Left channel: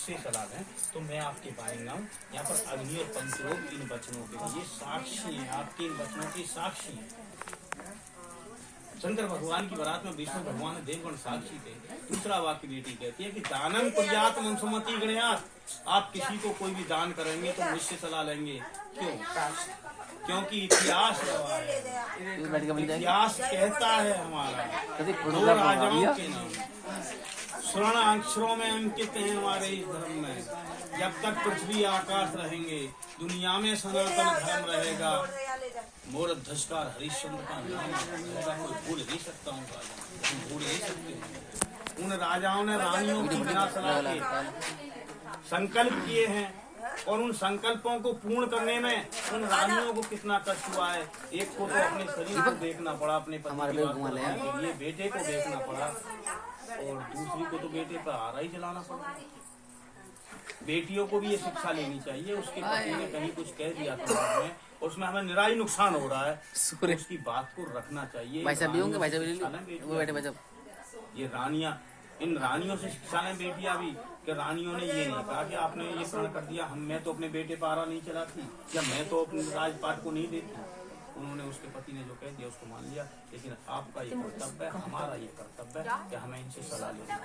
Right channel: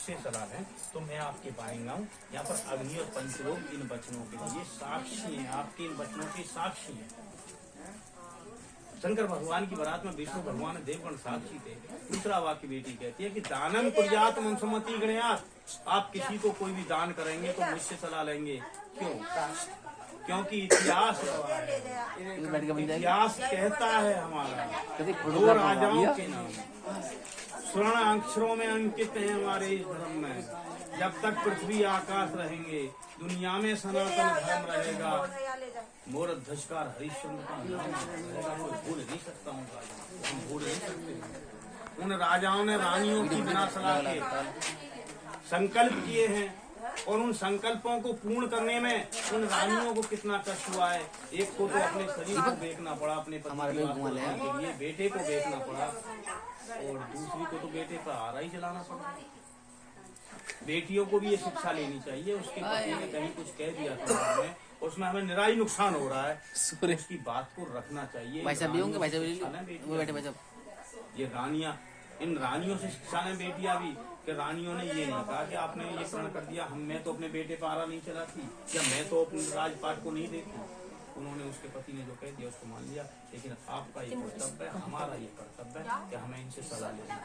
मुझसे सलाह लें तो मैं आपके पाएंगा हूँ। यहाँ पर अग्नि और पंचलोक इन वचनों के लिए साक्षी हैं, आपके इन वचनों के साक्षी हैं। शंकर भगवान की बारात में विष्णु भगवान देवगण साक्षी थे। दूसरा वाक्य बेटी कहती है कि दानम कुर्यात ममसुमति गणयात, आप किसी को कोई भी दान करेंगे तो मुझसे सलाह लेंगे। क्यों? क्योंकि इतिहास गवाह है, इतिहास कहता है हमारा दो राजाओं के नाम स्वर्ण अक्षरों में अंकित हैं हमारे इस धर्म में। जब तक पृथ्वी आकाश रहेंगे दुनिया में सनातन धर्म रहेगा। मोर धस्कार हरिश्चंद्र का नाम रहेगा, कोई भूल नहीं सकता हूँ राजा, हम भूल नहीं सकते। उन राजाओं ने रानियों की बिना सलाह के संकल्प किए हैं और उन संकल्पों को पूर्ण करने में उन रानियों को कितना कष्ट हुआ है। एक को तो अपने शरीर को देखना पड़ा, अपने पति के लिए बेटे को देखना पड़ा, और दूसरी को तो बेटे का आरा ही जलाना पड़ा। बेटियों को भी ये शिक्षा लेनी चाहिए। उसके पति ने कहीं कुछ कह दिया था उसमें हमें निराई नुकसान हो रहा है, उसकी बात को रखना चाहिए। ये रानियां, इन रानियों से शिक्षा लें बेटियां भी, कि रानियों ने ये नहीं कहा कि आपने ये प्रण कर दिया मैं तो अपने बेटे पर आरा नहीं चलाती या मैं तो अपने राजपाट को नहीं देती। उन्होंने उसके पति ने जो कह दिया उसको मान लिया, लेकिन आपका ये कर्तव्य है, हमारा ये कर्तव्य है कि हमें इनसे सलाह लेनी।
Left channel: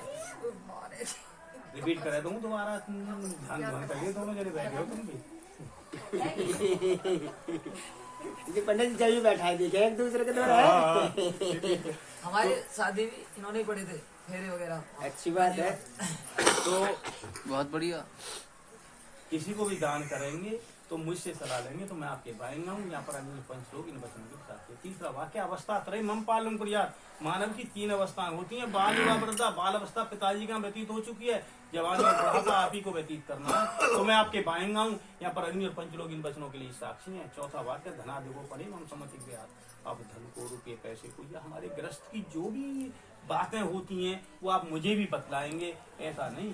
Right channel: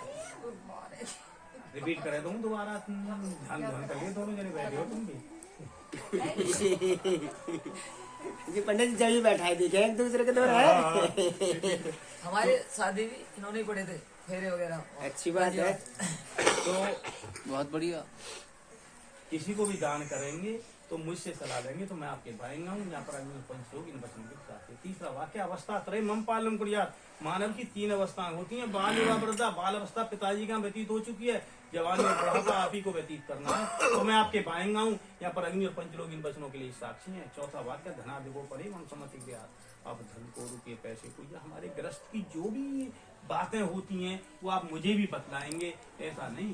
रिपीट करे दूँ दोबारा, ध्यान करिए, दोनों जने बैठे हो तुम भी। ये पंडित जी बैठा है, देखे एक दूसरे के द्वारा। हमारे शादी भी इन्होंने ही पढ़े थे, फेरे वगैरह। अच्छी बात है। तो बहुत बढ़िया। किसी को भी दान करेंगे तो मुझसे सलाह लेंगे तो मैं आपके भाएंगा हूँ। यहाँ पर पंचलोक इन वचनों के साथ है। तीसरा वाक्य अवस्था त्रय मम पालम कुर्यात्, मानव की 3 अवस्थाएं होती हैं। बाल युवा वृद्धा, बाल अवस्था पिताजी का व्यतीत हो चुकी है, जवानी और बुढ़ापा आप ही को व्यतीत करना है तो मैं आपके भाएंगा हूँ। यहाँ पर अग्नि और पंचलोक इन वचनों के लिए साक्षी है। चौथा वाक्य धनादिको परे हम समझ गया, आप धन को, रुपये, पैसे को, या हमारे ग्रस्त की जो भी बातें होती हैं वो आप मुझे भी बतलाएंगे, ऐसा नहीं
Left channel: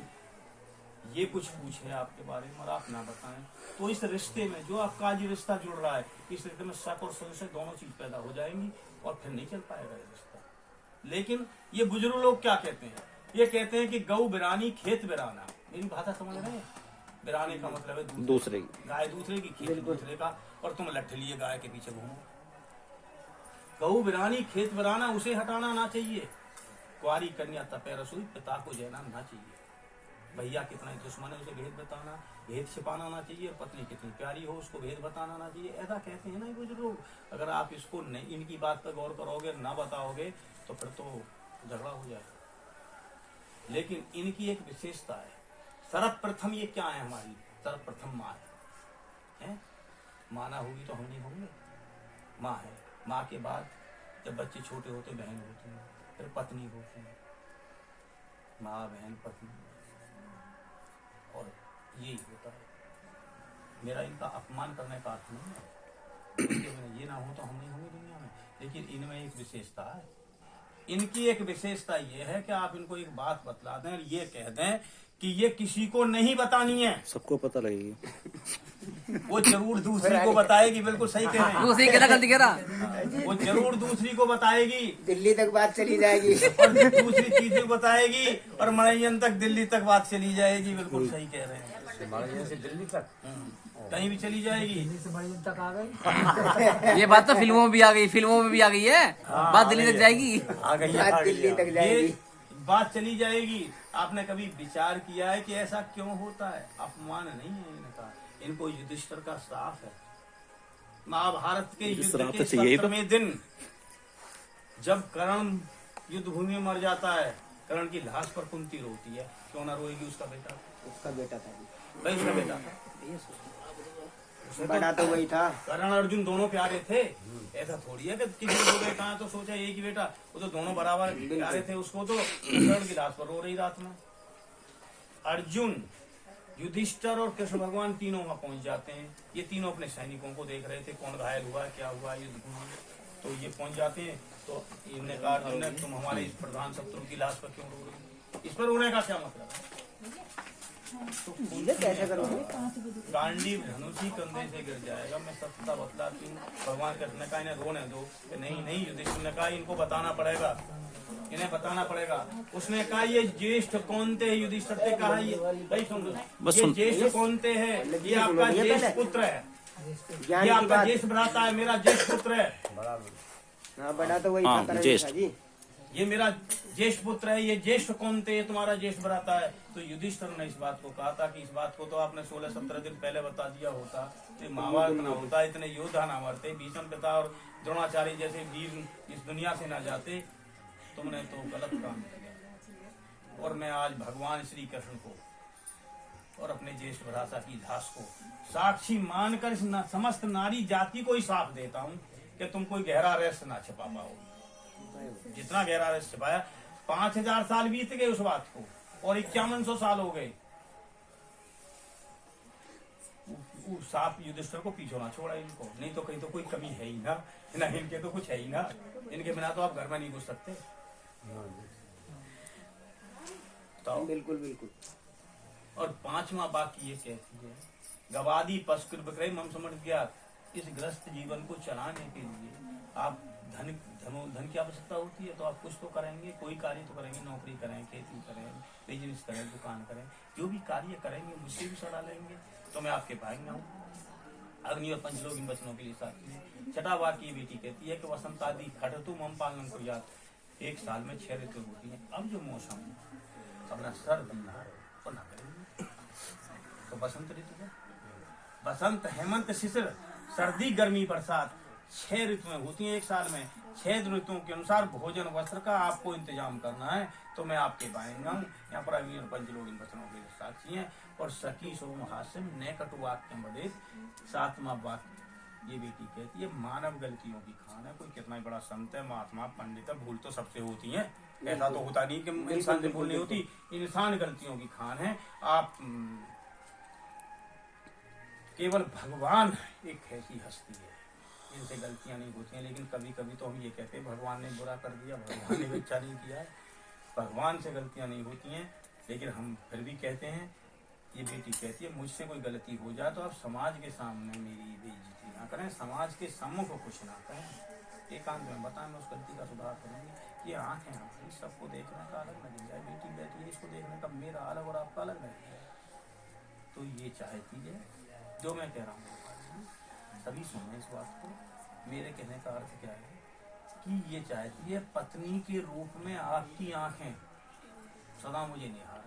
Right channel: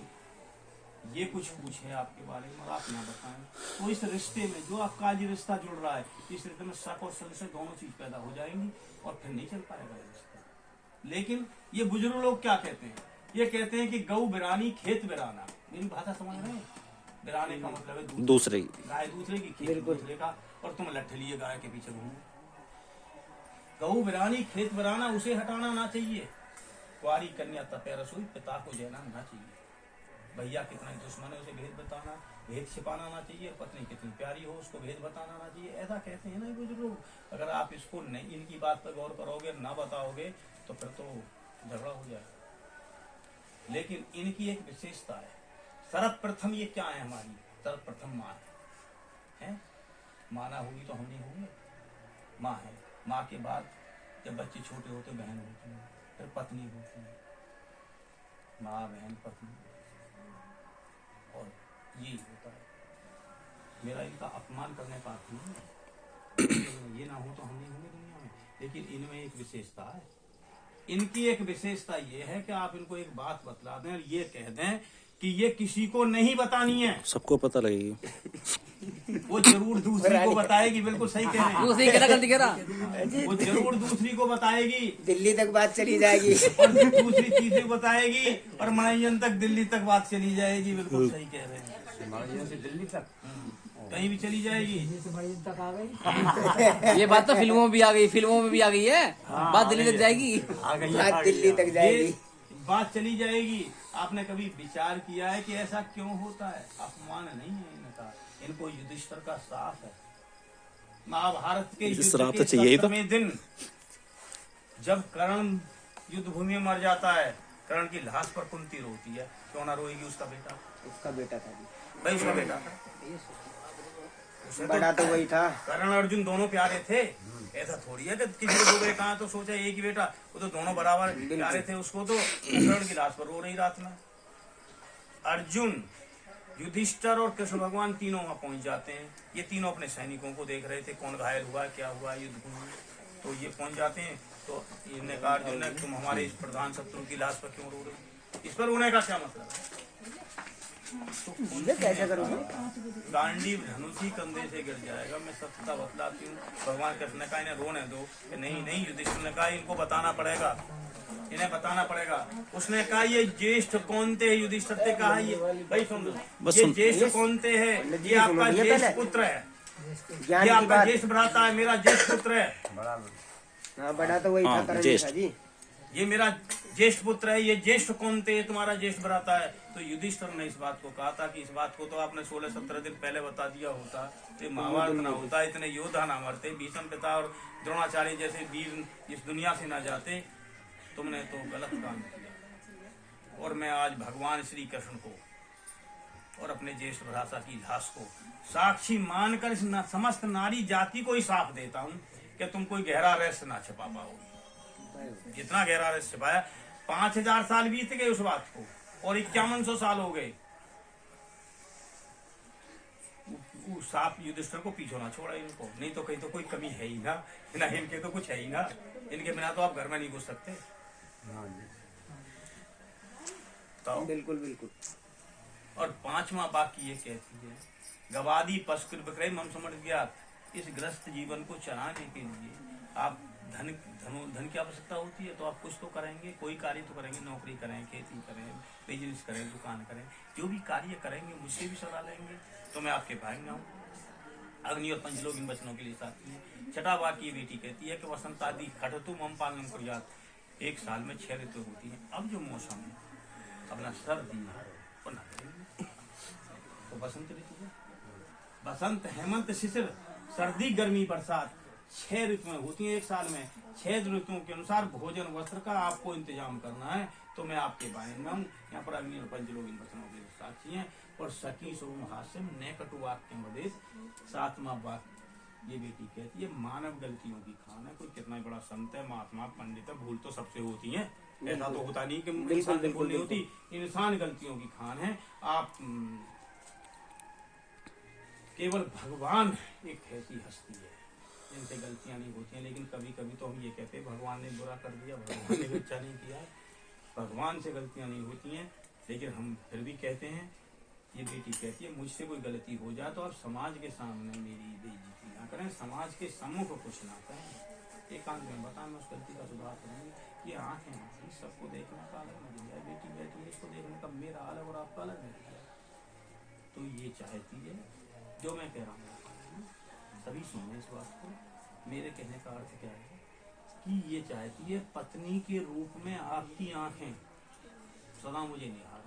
ये कुछ पूछे आपके बारे में और आप ना बताएं। तो इस रिश्ते में जो आपका आज रिश्ता जुड़ रहा है, इस रिश्ते में शक और संशय दोनों चीज पैदा हो जाएंगी और फिर नहीं चल पाएगा ये रिश्ता। लेकिन ये बुजुर्ग लोग क्या कहते हैं, ये कहते हैं कि गौ बिरानी खेत बिराना। मेरी भाषा समझ रहे हैं? बिराने का मतलब है दूसरे, गाय दूसरे की, खेत दूसरे का, और तुम लट्ठ लिए गाय के पीछे घूमो। गौ बिरानी खेत बिराना, उसे हटाना ना चाहिए। कुआरी कन्या तपे रसोई, पिता को जयना ना चाहिए। भैया कितना दुश्मन है उसे भेद बताना, भेद छिपाना ना चाहिए। और पत्नी कितनी प्यारी हो उसको भेद बताना ना चाहिए। ऐसा कहते हैं ना ये बुजुर्ग लोग। अगर आप इसको नहीं, इनकी बात पर गौर करोगे, ना बताओगे तो फिर तो झगड़ा हो जाएगा। लेकिन इनकी एक विशेषता है, सर्वप्रथम ये क्या है हमारी, सर्वप्रथम माँ है। माँ ना होगी तो हम नहीं होंगे, माँ है। माँ के बाद जब बच्चे छोटे होते बहन होती है, फिर पत्नी होती है, माँ बहन पत्नी, और ये होता है। मेरा इनका अपमान करने का अर्थ नहीं है, ये ना हो तो हम नहीं होंगे दुनिया में। लेकिन इनमें एक विशेषता है, इनकी एक विशेषता ये है कि आप इनको एक बात बतला दें और ये कह दें कि ये किसी को नहीं बतानी है, सबको पता लगेगी। वो जरूर दूसरी को बताएगी। बिल्कुल सही कह रहे हैं, वो सही कह रहा। वो जरूर दूसरी को बताएगी, दिल्ली तक बात चली जाएगी, और फिर दूसरी तीसरी को बताएगी, और मनोरंजन तक दिल्ली तक बात चली जाएगी। बिल्कुल सही कह रहे हैं, दिल्ली तक कहीं भी चली जाएगी। तक आ गई ये बात तो फिल्मों में भी आ गई, फिल्मों में भी आ गई है। बात दिल्ली तक जाएगी, आ गई, बात दिल्ली तक जाएगी, बात चली जाएगी। आपने कभी विचार किया है कि ऐसा क्यों होता है? अपमान नहीं है इनका, इनको युधिष्ठिर का श्राप है। महाभारत के युद्ध के 70वें दिन जब कर्ण युद्ध भूमि में मर जाता है, कर्ण की लाश पर कुंती रोती है, क्यों ना रोएगी? उसका बेटा, उसका बेटा था, भाई उसका बेटा था, बड़ा तो वही था। कर्ण अर्जुन दोनों प्यारे थे। ऐसा थोड़ी है कि किसी को 2 बेटा है तो सोचा एक ही बेटा, वो तो दोनों बराबर प्यारे थे। उसको तो कर्ण की लाश पर रो रही रात में। अर्जुन, युधिष्ठिर और कृष्ण भगवान तीनों वहां पहुंच जाते हैं। ये तीनों अपने सैनिकों को देख रहे थे, कौन घायल हुआ है, क्या हुआ है युद्ध में। तो ये पहुंच जाते हैं, तो इन्होंने कहा अर्जुन ने, तुम हमारे इस प्रधान शत्रु की लाश पर क्यों रो रही? इस पर रोने का क्या मतलब है? तो गांडीव धनुष ही कंधे से गिर जाएगा। मैं सत्यता बतलाती हूँ। भगवान कृष्ण ने कहा इन्हें रोने दो, नहीं नहीं, युधिष्ठिर ने कहा इनको बताना पड़ेगा। इन्हें बताना पड़ेगा। उसने कहा ये ज्येष्ठ कौनते है, युधिष्ठिर ने कहा ये भाई सुन लो, बस ये सुन। ज्येष्ठ कौनते है, ये आपका सुनिए ज्येष्ठ पहले। पुत्र है, ज्ञान ये की आपका बात। ज्येष्ठ भ्राता है, मेरा ज्येष्ठ पुत्र है, हाँ बड़ा तो वही हाँ, था करण ज्येष्ठ। जी। ये मेरा ज्येष्ठ पुत्र है, ये ज्येष्ठ कौनते है, तुम्हारा ज्येष्ठ भ्राता है। तो युधिष्ठिर ने इस बात को कहा था कि इस बात को तो आपने 16-17 दिन पहले बता दिया होता, ये महाभारत ना होता, इतने योद्धा ना मरते, भीष्म पिता और द्रोणाचार्य जैसे वीर इस दुनिया से ना जाते। तुमने तो गलत काम किया और मैं आज भगवान श्री कृष्ण को और अपने ज्येष्ठ भ्राता की लाश को साक्षी मानकर इस समस्त नारी जाति को ही साफ देता हूँ कि तुम कोई गहरा रहस्य ना छिपा पाओ। जितना गहरा रहस्य छिपाया, 5000 साल बीत गए उस बात को और 5100 साल हो गए। वो साफ युधिष्ठिर को पीछे ना छोड़ा इनको, नहीं तो कहीं तो कोई कमी है ही ना, इनके तो कुछ है ही ना, इनके बिना तो आप घर में नहीं घुस सकते। तो बिल्कुल बिल्कुल। और 5वां वाक्य ये कहती है, गवादी पशुकृ विक्रय मम समझ गया। इस ग्रस्त जीवन को चलाने के लिए आप धन की आवश्यकता होती है, तो आप कुछ तो करेंगे, कोई कार्य तो करेंगे, नौकरी करें, खेती करें, बिजनेस करें, दुकान करें, जो भी कार्य करेंगे मुझसे भी सलाह लेंगे तो मैं आपके भाई में हूँ। अग्नि और पंचलोक इन वचनों के लिए साथी है। छठा वाक्य ये बेटी कहती है कि वसंत आदि खटतु मम पालनम कुर्यात्। 1 साल में 6 ऋतु होती है। अब जो मौसम अपना सर्दी है वो ना करेंगे तो बसंत ऋतु है, बसंत हेमंत शिशिर, सर्दी गर्मी बरसात 6 ऋतुएं होती हैं 1 साल में। 6 ऋतुओं के अनुसार भोजन वस्त्र का आपको इंतजाम करना है, तो मैं आपके बाएंगे हूँ। यहाँ पर अग्नि और पंचलोक इन वचनों के साक्षी हैं। और सखी सोम हास्यम न कटु वाक्य मदेश। 7वां वाक्य ये बेटी कहती है, मानव गलतियों की खान है। कोई कितना ही बड़ा संत है, महात्मा, पंडित है, भूल तो सबसे होती है, ऐसा तो होता नहीं कि इंसान से भूल नहीं होती। इंसान गलतियों की खान है। आप केवल भगवान एक ऐसी हस्ती है जिनसे गलतियां नहीं होती हैं। लेकिन कभी कभी तो हम ये कहते हैं भगवान ने बुरा कर दिया, भगवान ने अच्छा नहीं किया है। भगवान से गलतियां नहीं होती हैं, लेकिन हम फिर भी कहते हैं। ये बेटी कहती है, मुझसे कोई गलती हो जाए तो आप समाज के सामने मेरी बेइज्जती ना करें, समाज के सम्मुख कुछ ना करें, एकांत में बताएं, मैं उस गलती का सुधार करूंगी। ये आंखें हमारी, सबको देखने का अलग नजरिया है। बेटी बैठी है, इसको देखने का मेरा अलग और आपका अलग नजरिया है। तो ये चाहती है, जो मैं कह रहा हूँ सभी सुने इस बात को। मेरे कहने का अर्थ क्या है कि ये चाहती है पत्नी के रूप में आपकी आंखें सदा मुझे निहार,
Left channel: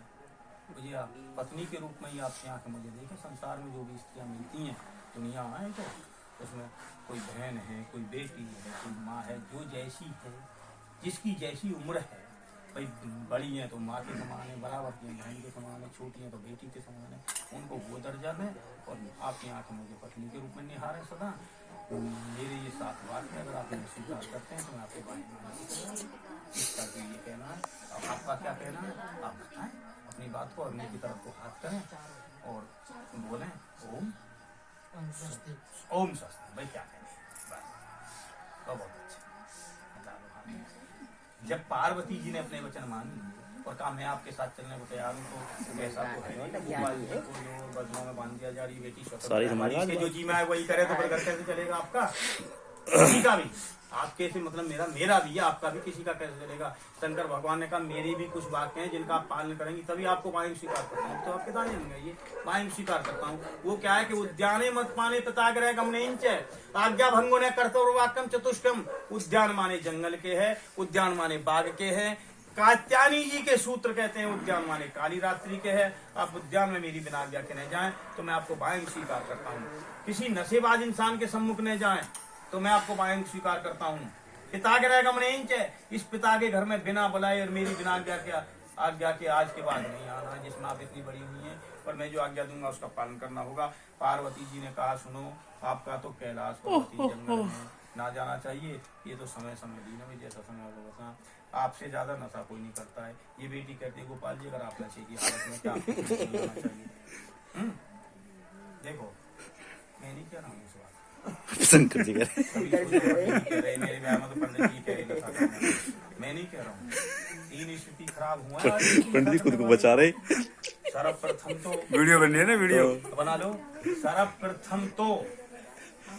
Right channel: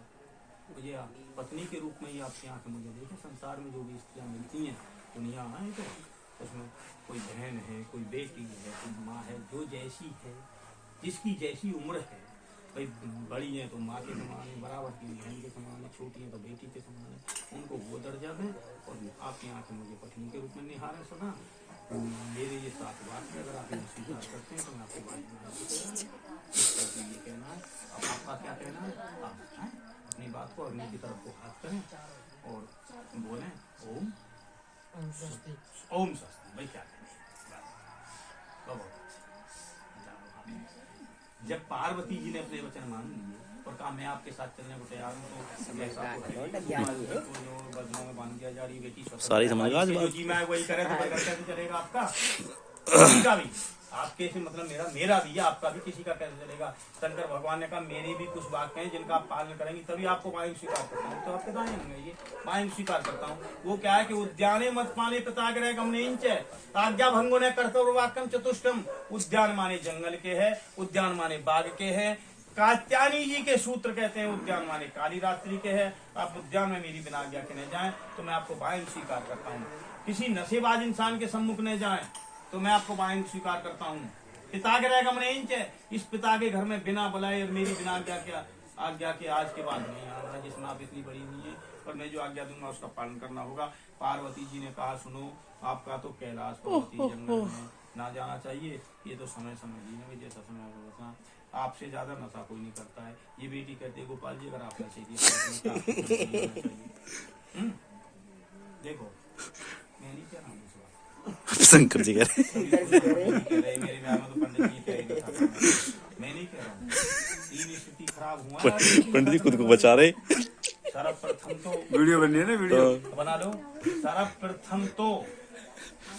मुझे पत्नी के रूप में ही आपकी आंखें मुझे देखें। संसार में जो भी स्त्रियाँ मिलती हैं दुनिया आए तो उसमें कोई बहन है, कोई बेटी है, कोई माँ है, जो जैसी है, जिसकी जैसी उम्र है। भाई बड़ी हैं तो माँ के समान है, बराबर की बहन के समान है, छोटी हैं तो बेटी के समान है, उनको वो दर्जा है। और आपकी आंखें मुझे पत्नी के रूप में निहार है सदा। मेरे ये 7 वाक्य अगर आप इन्हें स्वीकार करते हैं तो मैं आपके बारे में इसका ये कहना है। अब आपका क्या कहना है, आप बताएं अपनी बात को। अग्नि की तरफ को हाथ करें और बोलें ओम स्वस्ति। ओम स्वस्ति। भाई क्या कहें, बहुत अच्छा। जब पार्वती जी ने अपने वचन मान लिए और कहा मैं आपके साथ चलने को तैयार हूँ, तो ऐसा तो है जो वचनों में बांध दिया जा रही बेटी सारी समझ आ गई। जो जी मैं वही करे तो फिर घर कैसे चलेगा आपका, किसी का भी। आपके से मतलब मेरा भी है, आपका भी, किसी का कैसे चलेगा। शंकर भगवान ने कहा मेरे भी कुछ वाक्य हैं जिनका आप पालन करेंगे तभी आपको वायु स्वीकार करता हूँ। तो आपके दाने होंगे ये वायु स्वीकार करता हूँ। वो क्या है कि उद्याने मत पाने पिताग्रह गमने आज्ञा भंगो ने कर्तव्य वाक्यम चतुष्टम। उद्यान माने जंगल के है, उद्यान माने बाग के है। कात्यायनी जी के सूत्र कहते हैं उद्यान माने काली रात्रि के है। आप उद्यान में मेरी बिना आज्ञा के न जाएं तो मैं आपको वायु स्वीकार करता हूँ। किसी नशेबाज इंसान के सम्मुख न जाएं तो मैं आपको वायु स्वीकार करता हूँ। पिता के गमने इस पिता के घर में बिना बुलाए और मेरी बिना आज्ञा के आज के बाद नहीं आना, जिसमें आप इतनी बड़ी हुई है, पर मैं जो आज्ञा दूंगा उसका पालन करना होगा। पार्वती जी ने कहा सुनो, आपका तो कैलाश पर्वती जंगल में ना जाना चाहिए, ये तो समय जीने में जैसा समय होगा बता, आपसे ज्यादा नशा कोई नहीं करता है। ये बेटी कहती है गोपाल जी अगर आप नशे की हालत में क्या चाहिए। देखो मैं नहीं कह रहा हूँ इस बात, शंकर जी कह मेरे ब्याह में तो पंडित जी कह रहे हैं, मैं नहीं कह रहा हूँ। 3 स्थिति खराब हुआ है, पंडित जी खुद को बचा रहे। सर्वप्रथम तो वीडियो बननी है ना, वीडियो बना लो। सर्वप्रथम तो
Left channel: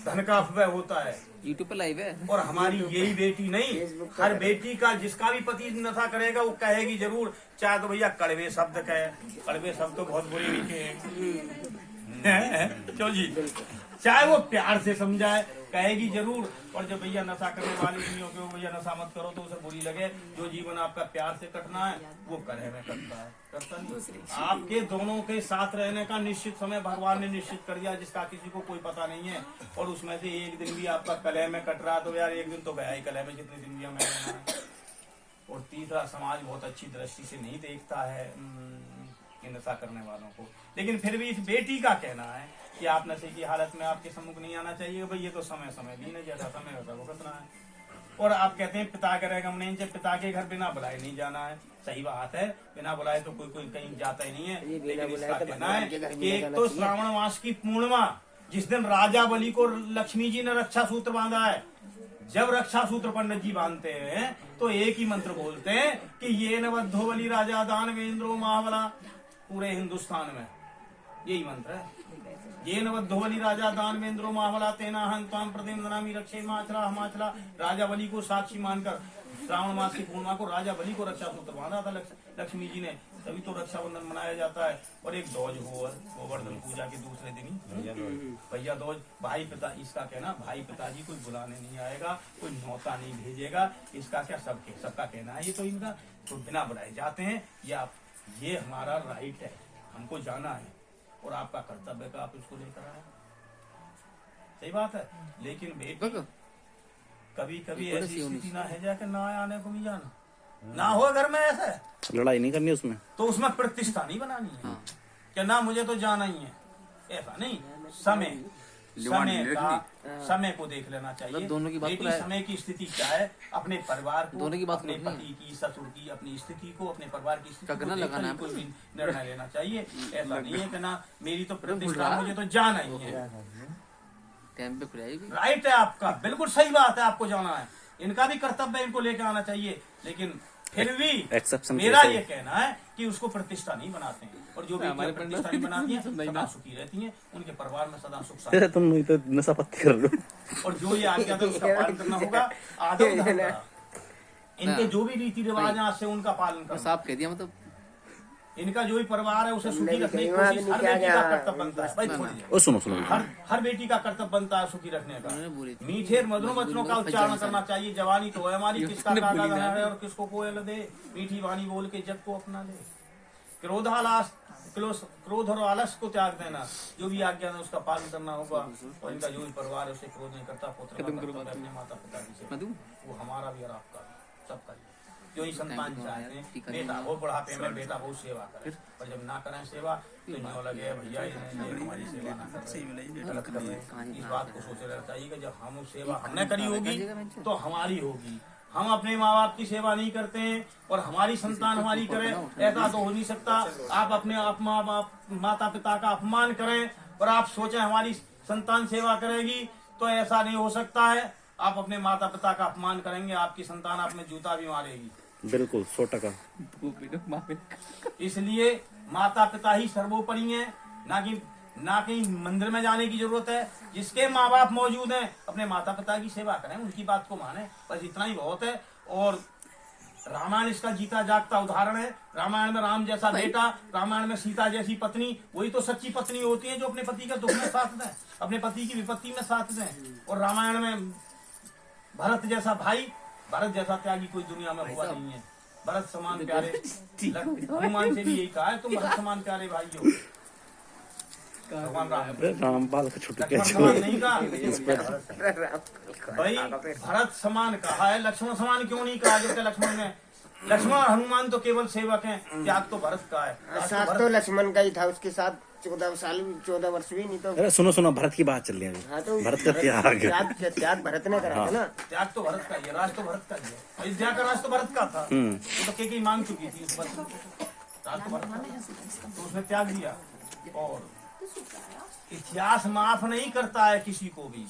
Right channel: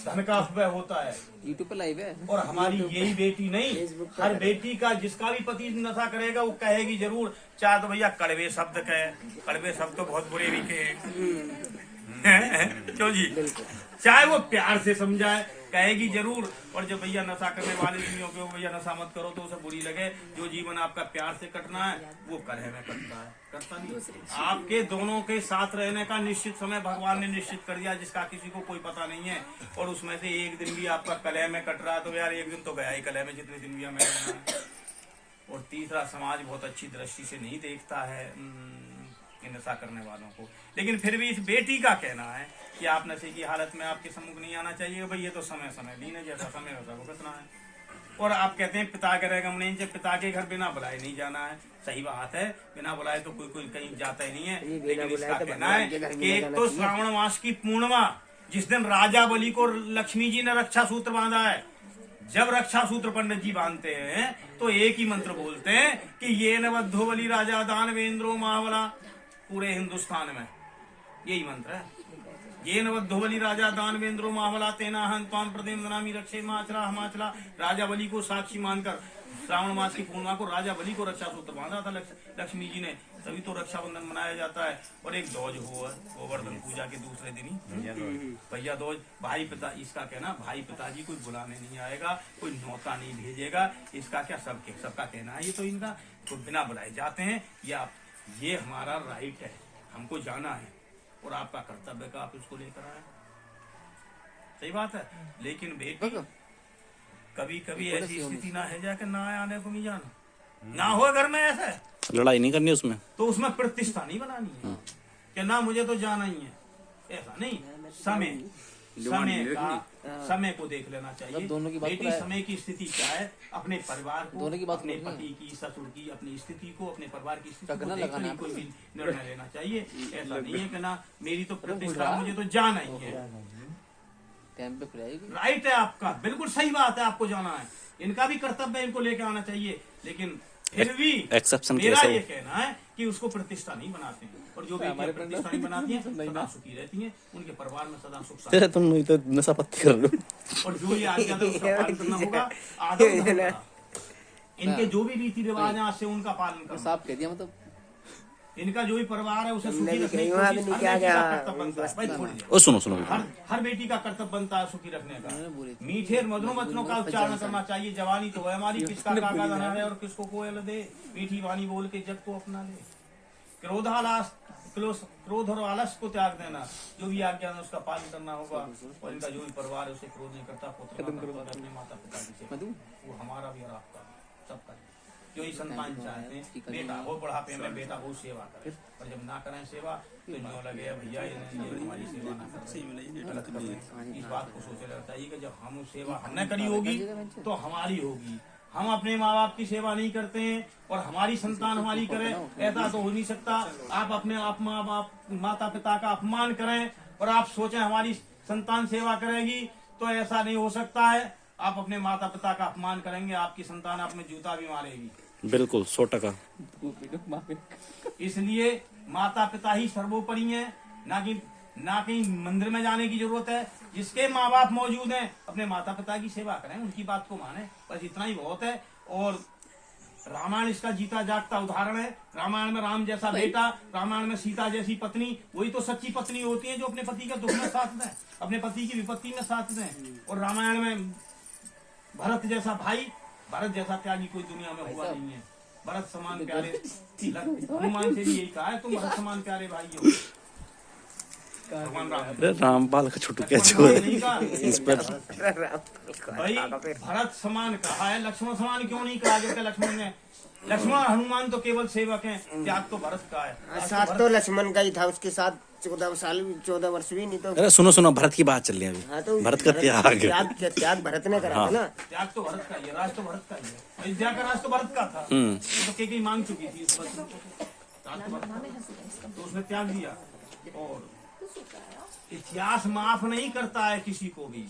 धन का अपव्यय होता है। यूट्यूब पे लाइव है। और हमारी यही बेटी नहीं, हर बेटी का जिसका भी पति नशा करेगा वो कहेगी जरूर, चाहे तो भैया कड़वे शब्द कहे, कड़वे शब्द तो बहुत बुरे लिखे हैं क्यों जी, चाहे वो प्यार से समझाए कहेगी जरूर। और जब भैया नशा करने वाले दुनिया के भैया नशा मत करो तो उसे बुरी लगे। जो जीवन आपका प्यार से कटना है वो कलह में कटता है, करता नहीं। आपके दोनों के साथ रहने का निश्चित समय भगवान ने निश्चित कर दिया जिसका किसी को कोई पता नहीं है। और उसमें से एक दिन भी आपका कलह में कट रहा तो यार एक दिन तो गया ही कलह में, जितने दिन भी हमें रहना है। और तीसरा, समाज बहुत अच्छी दृष्टि से नहीं देखता है नशा करने वालों को। लेकिन फिर भी इस बेटी का कहना है कि आप नशे की हालत में आपके सम्मुख नहीं आना चाहिए। भाई ये तो समय समय लीन है, जैसा समय वैसा भुगतना है। और आप कहते हैं पिता के रहेगा नहीं, जब पिता के घर बिना बुलाए नहीं जाना है। सही बात है, बिना बुलाए तो कोई कहीं जाता ही नहीं है। लेकिन इसका कहना है कि एक तो श्रावण मास की पूर्णिमा, जिस दिन राजा बलि को लक्ष्मी जी ने रक्षा सूत्र बांधा है, जब रक्षा सूत्र पंडित जी बांधते हैं तो एक ही मंत्र बोलते हैं कि ये नवद्धो बलि राजा दानवेंद्रो महाबला। पूरे हिंदुस्तान में यही मंत्र है, ये नवद्धो बलि राजा दानवेंद्रो महाबला तेना हंताम प्रदेम दनामी रक्षे माचला हमाचला। राजा बलि को साक्षी मानकर श्रावण मास की पूर्णिमा को राजा बलि को रक्षा सूत्र बांधा था लक्ष्मी जी ने, तभी तो रक्षाबंधन मनाया जाता है। और एक ध्वज हो गोवर्धन पूजा के दूसरे दिन ही भैया ध्वज, भाई पिता, इसका कहना भाई पिताजी कोई बुलाने नहीं आएगा, कोई न्योता नहीं भेजेगा। इसका क्या सबका कहना है, ये तो इनका तो बिना बुलाए जाते हैं। ये हमारा राइट है, हमको जाना है और आपका कर्तव्य का आप इसको लेकर आए। सही बात है। लेकिन बेटी कभी कभी ऐसी स्थिति ना है जाकर ना आने को नहीं जाना, ना हो घर में ऐसे लड़ाई नहीं करनी उसमें, तो उसमें प्रतिष्ठा नहीं बनानी है कि ना मुझे तो जाना ही है, ऐसा नहीं। समय को देख लेना चाहिए। बेटी समय की स्थिति क्या है, अपने परिवार को, अपने पति की, ससुर की, अपनी स्थिति को, अपने परिवार की स्थिति को देखकर ही कोई निर्णय लेना चाहिए। ऐसा नहीं है कि ना मेरी तो प्रतिष्ठा, मुझे तो जाना ही है। राइट है आपका, बिल्कुल सही बात है, आपको जाना है। इनका भी कर्तव्य इनको लेके आना चाहिए। लेकिन फिर भी मेरा ये कहना है कि उसको प्रतिष्ठा नहीं बनाते हैं। और जो भी प्रतिष्ठा नहीं बनाती है सदा सुखी रहती हैं, उनके परिवार में सदा सुख शांति। तुम तो नशा पत्ती कर रहे हो। और जो ये आज्ञा है उसका पालन करना होगा। आदर धर्म का, इनके जो भी रीति रिवाज है आज से उनका पालन करना। साफ कह दिया, मतलब इनका जो भी परिवार है उसे सुखी रखने की कोशिश हर बेटी का कर्तव्य बनता है। भाई थोड़ी सुनो हर बेटी का कर्तव्य बनता है सुखी रखने का। मीठे मधुर वचनों का उच्चारण करना चाहिए। जवानी तो है हमारी, किसका काका धना है और किसको कोयल दे। मीठी वाणी बोल के जग को अपना ले। क्रोध और आलस को त्याग देना। जो भी आज्ञा है उसका पालन करना होगा। और इनका जो भी परिवार है उसे क्रोध नहीं करता। पुत्र अपने माता पिता की, वो हमारा भी और आपका सबका। जो ही संतान चाहे बेटा वो बुढ़ापे में बेटा बहुत सेवा करे, और जब ना करें सेवा तो न्यों लगे भैया ये हमारी सेवा ना कर रहे, गलत कर रहे। इस बात को सोचे रहना चाहिए कि जब हम सेवा हमने करी होगी तो हमारी होगी। हम अपने माँ बाप की सेवा नहीं करते हैं और हमारी संतान हमारी करे, ऐसा तो हो नहीं सकता। आप अपने माँ बाप माता पिता का अपमान करें और आप सोचें हमारी संतान सेवा करेगी, तो ऐसा नहीं हो सकता है। आप अपने माता पिता का अपमान करेंगे, आपकी संतान आप में जूता भी मारेगी। बिल्कुल 100%। इसलिए माता पिता ही सर्वोपरि हैं, ना कि मंदिर में जाने की जरूरत है। जिसके माँ बाप मौजूद हैं अपने माता पिता की सेवा करें, उनकी बात को माने, बस इतना ही बहुत है। और रामायण इसका जीता जागता उदाहरण है। रामायण में राम जैसा बेटा, रामायण में सीता जैसी पत्नी, वही तो सच्ची पत्नी होती है जो अपने पति का दुख में साथ दें, अपने पति की विपत्ति में साथ दें। और रामायण में भरत जैसा भाई, भरत जैसा त्यागी कोई दुनिया में हुआ नहीं है। भरत समान प्यारे, हनुमान से भी यही कहा है तुम भरत समान प्यारे भाई हो। भगवान रामपाल का छोटू क्या नहीं कहा भाई, भरत समान कहा है, लक्ष्मण समान क्यों नहीं कहा? जो लक्ष्मण हनुमान तो केवल सेवक हैं, त्याग तो भरत का है। साथ तो लक्ष्मण का ही था, उसके साथ 14 वर्ष भी नहीं। तो अरे सुनो भरत की बात चल रही है अभी। तो भरत का त्याग भरत ने करा था ना। त्याग तो भरत का ही है, राज तो भरत का ही है। अयोध्या का राज तो भरत का था, वो तो कई मांग चुकी थी इस वक्त, राज तो भरत का, तो उसने त्याग दिया। और इतिहास माफ नहीं करता है किसी को भी।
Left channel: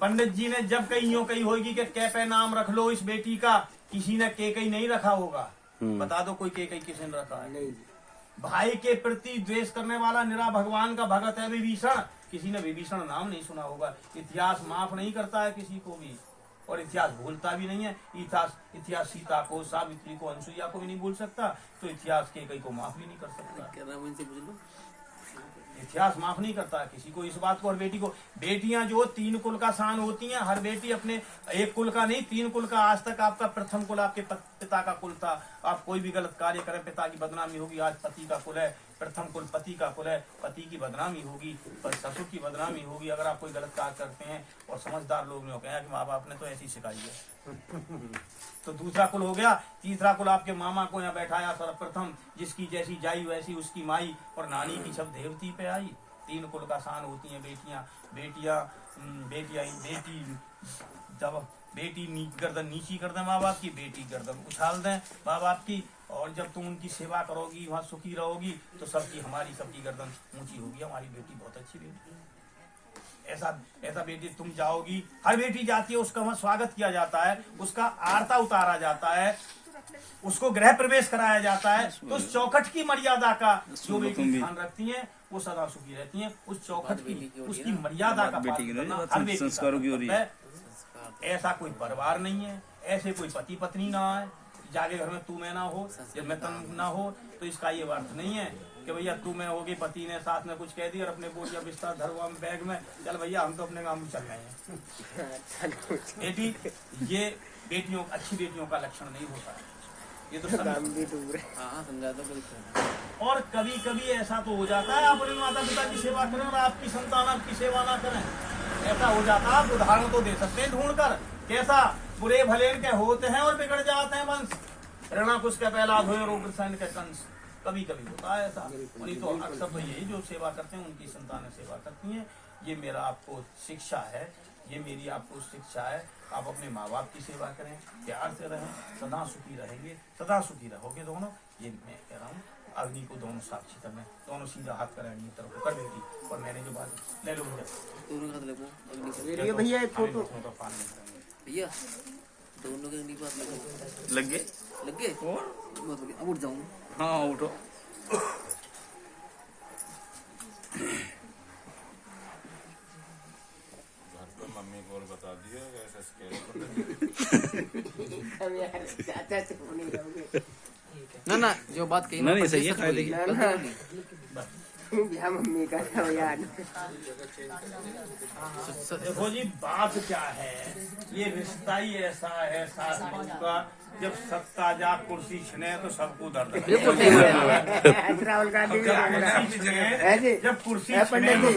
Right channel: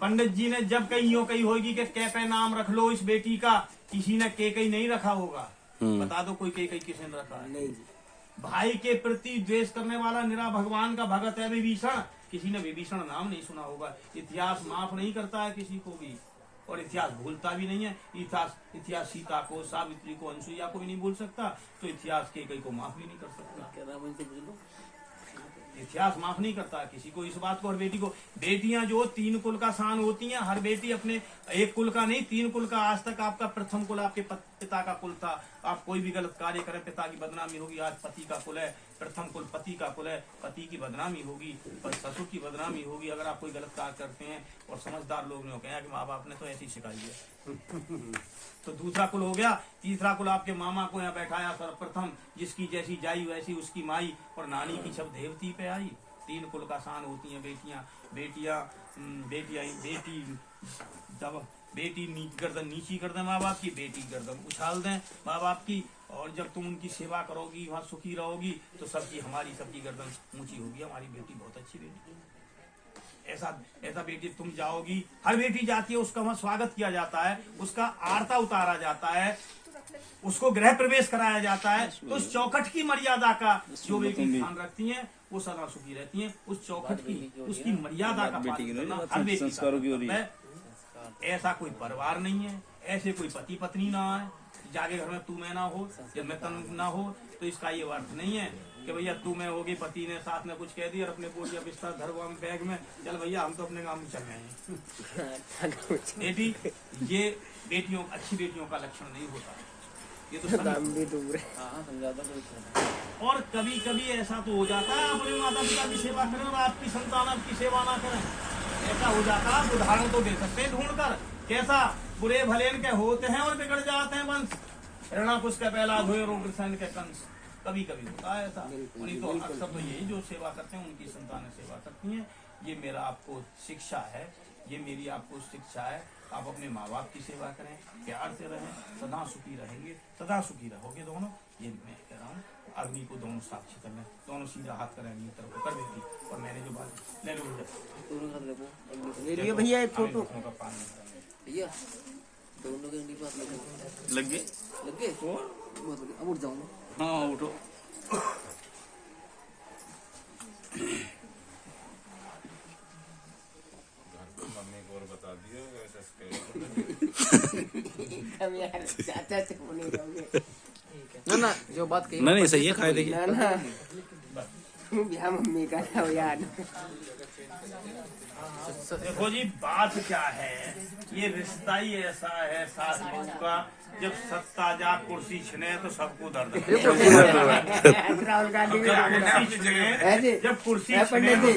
पंडित जी ने जब कहीं होगी कि कैफे नाम रख लो इस बेटी का, किसी ने केकई नहीं रखा होगा। बता दो कोई केकई किसी ने रखा है? भाई के प्रति द्वेष करने वाला निरा भगवान का भगत है विभीषण। किसी ने विभीषण नाम नहीं सुना होगा। इतिहास माफ नहीं करता है किसी को भी, और इतिहास भूलता भी नहीं है। इतिहास सीता को, सावित्री को, अनुसुईया को भी नहीं भूल सकता, तो इतिहास के कई को माफ भी नहीं कर सकता। इतिहास माफ नहीं करता किसी को इस बात को। और बेटी को, बेटियां जो 3 कुल का शान होती हैं, हर बेटी अपने एक कुल का नहीं 3 कुल का। आज तक आपका प्रथम कुल आपके पिता का कुल था। आप कोई भी गलत कार्य करें पिता की बदनामी होगी। आज पति का कुल है, प्रथम कुल पति का कुल है, पति की बदनामी होगी, ससुर की बदनामी होगी अगर आप कोई गलत कार्य करते हैं। और समझदार लोग ने कहा कि माँ बाप ने तो ऐसी सिखाई है। तो दूसरा कुल हो गया। तीसरा कुल आपके मामा को यहाँ बैठाया सर्वप्रथम, जिसकी जैसी जाई वैसी उसकी माई, और नानी की सब देवती पे आई। 3 कुल का शान होती हैं बेटी जब बेटी गर्दन नीची कर दे माँ बाप की, बेटी गर्दन उछाल दें माँ बाप की। और जब तुम उनकी सेवा करोगी, वहाँ सुखी रहोगी, तो हमारी सबकी गर्दन ऊंची होगी। हमारी बेटी बहुत अच्छी बेटी है। ऐसा बेटी तुम जाओगी, हर बेटी जाती है, उसका वहाँ स्वागत किया जाता है, उसका आरता उतारा जाता है, उसको गृह प्रवेश कराया जाता है। तो उस चौखट की मर्यादा का जो बेटी ध्यान रखती हैं वो सदा सुखी रहती हैं। उस चौखट की, उसकी मर्यादा का पालन करना हर बेटी का है। ऐसा कोई परिवार नहीं है, ऐसे कोई पति पत्नी ना है जाके घर में तू मैं ना हो, जब मैं तन ना हो। तो इसका ये अर्थ नहीं है कि भैया तू मैं होगी, पति ने साथ में कुछ कह दिया और अपने बोझ या बिस्तर धर हुआ बैग में, चल भैया हम तो अपने काम में चल गए हैं। बेटी, ये बेटियों, अच्छी बेटियों का लक्षण नहीं होता है। ये तो और कभी कभी ऐसा तो हो जाता है अपने माता पिता की सेवा करें और आपकी संतान आपकी सेवा ना करें। ऐसा हो जाता है। आप उदाहरण तो दे सकते हैं ढूंढ कर, कैसा बुरे भले के होते हैं और बिगड़ जाते हैं वंश। ऋणाकुश का पहला धोए रोगसैन के कंस। कभी कभी होता है ऐसा। नहीं तो अक्सर यही जो सेवा करते हैं उनकी संतानें सेवा करती हैं। ये मेरा आपको शिक्षा है, ये मेरी आपको शिक्षा है। आप अपने माँ बाप की सेवा करें, प्यार से रहें, सदा सुखी रहेंगे, सदा सुखी रहोगे दोनों। ये मैं कह रहा हूँ। अग्नि को दोनों साक्षी करना, दोनों सीधा हाथ करें अग्नि तरफ कर देगी। और मैंने जो बात ले लो भैया एक फोटो भैया दोनों के पास लग गए अब उठ जाऊँ। हाँ उठो। मम्मी को और बता दिए ना जो बात कही नहीं सही है, खाए देखिए। मम्मी का याद। देखो जी बात क्या है, ये रिश्ता ही ऐसा है सास बहू का, जब सत्ता जा कुर्सी छिने तो सबको दर्द राहुल गांधी जब कुर्सी छिने तो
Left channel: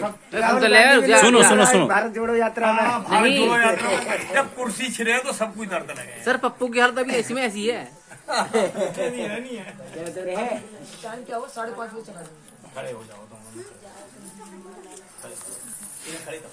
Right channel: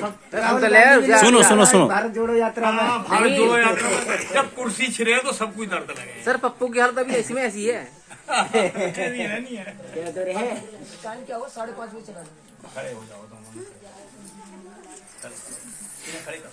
सुनो सुनो सुनो, भारत जोड़ो यात्रा में, भारत जोड़ो यात्रा में जब कुर्सी छिने तो सबको दर्द लगे। सर पप्पू की हालत अभी ऐसी में ऐसी है। नहीं है। क्या तो रहे क्या हो 5:30 बजे चला जाओ। खड़े हो जाओ तुम, खड़े करो।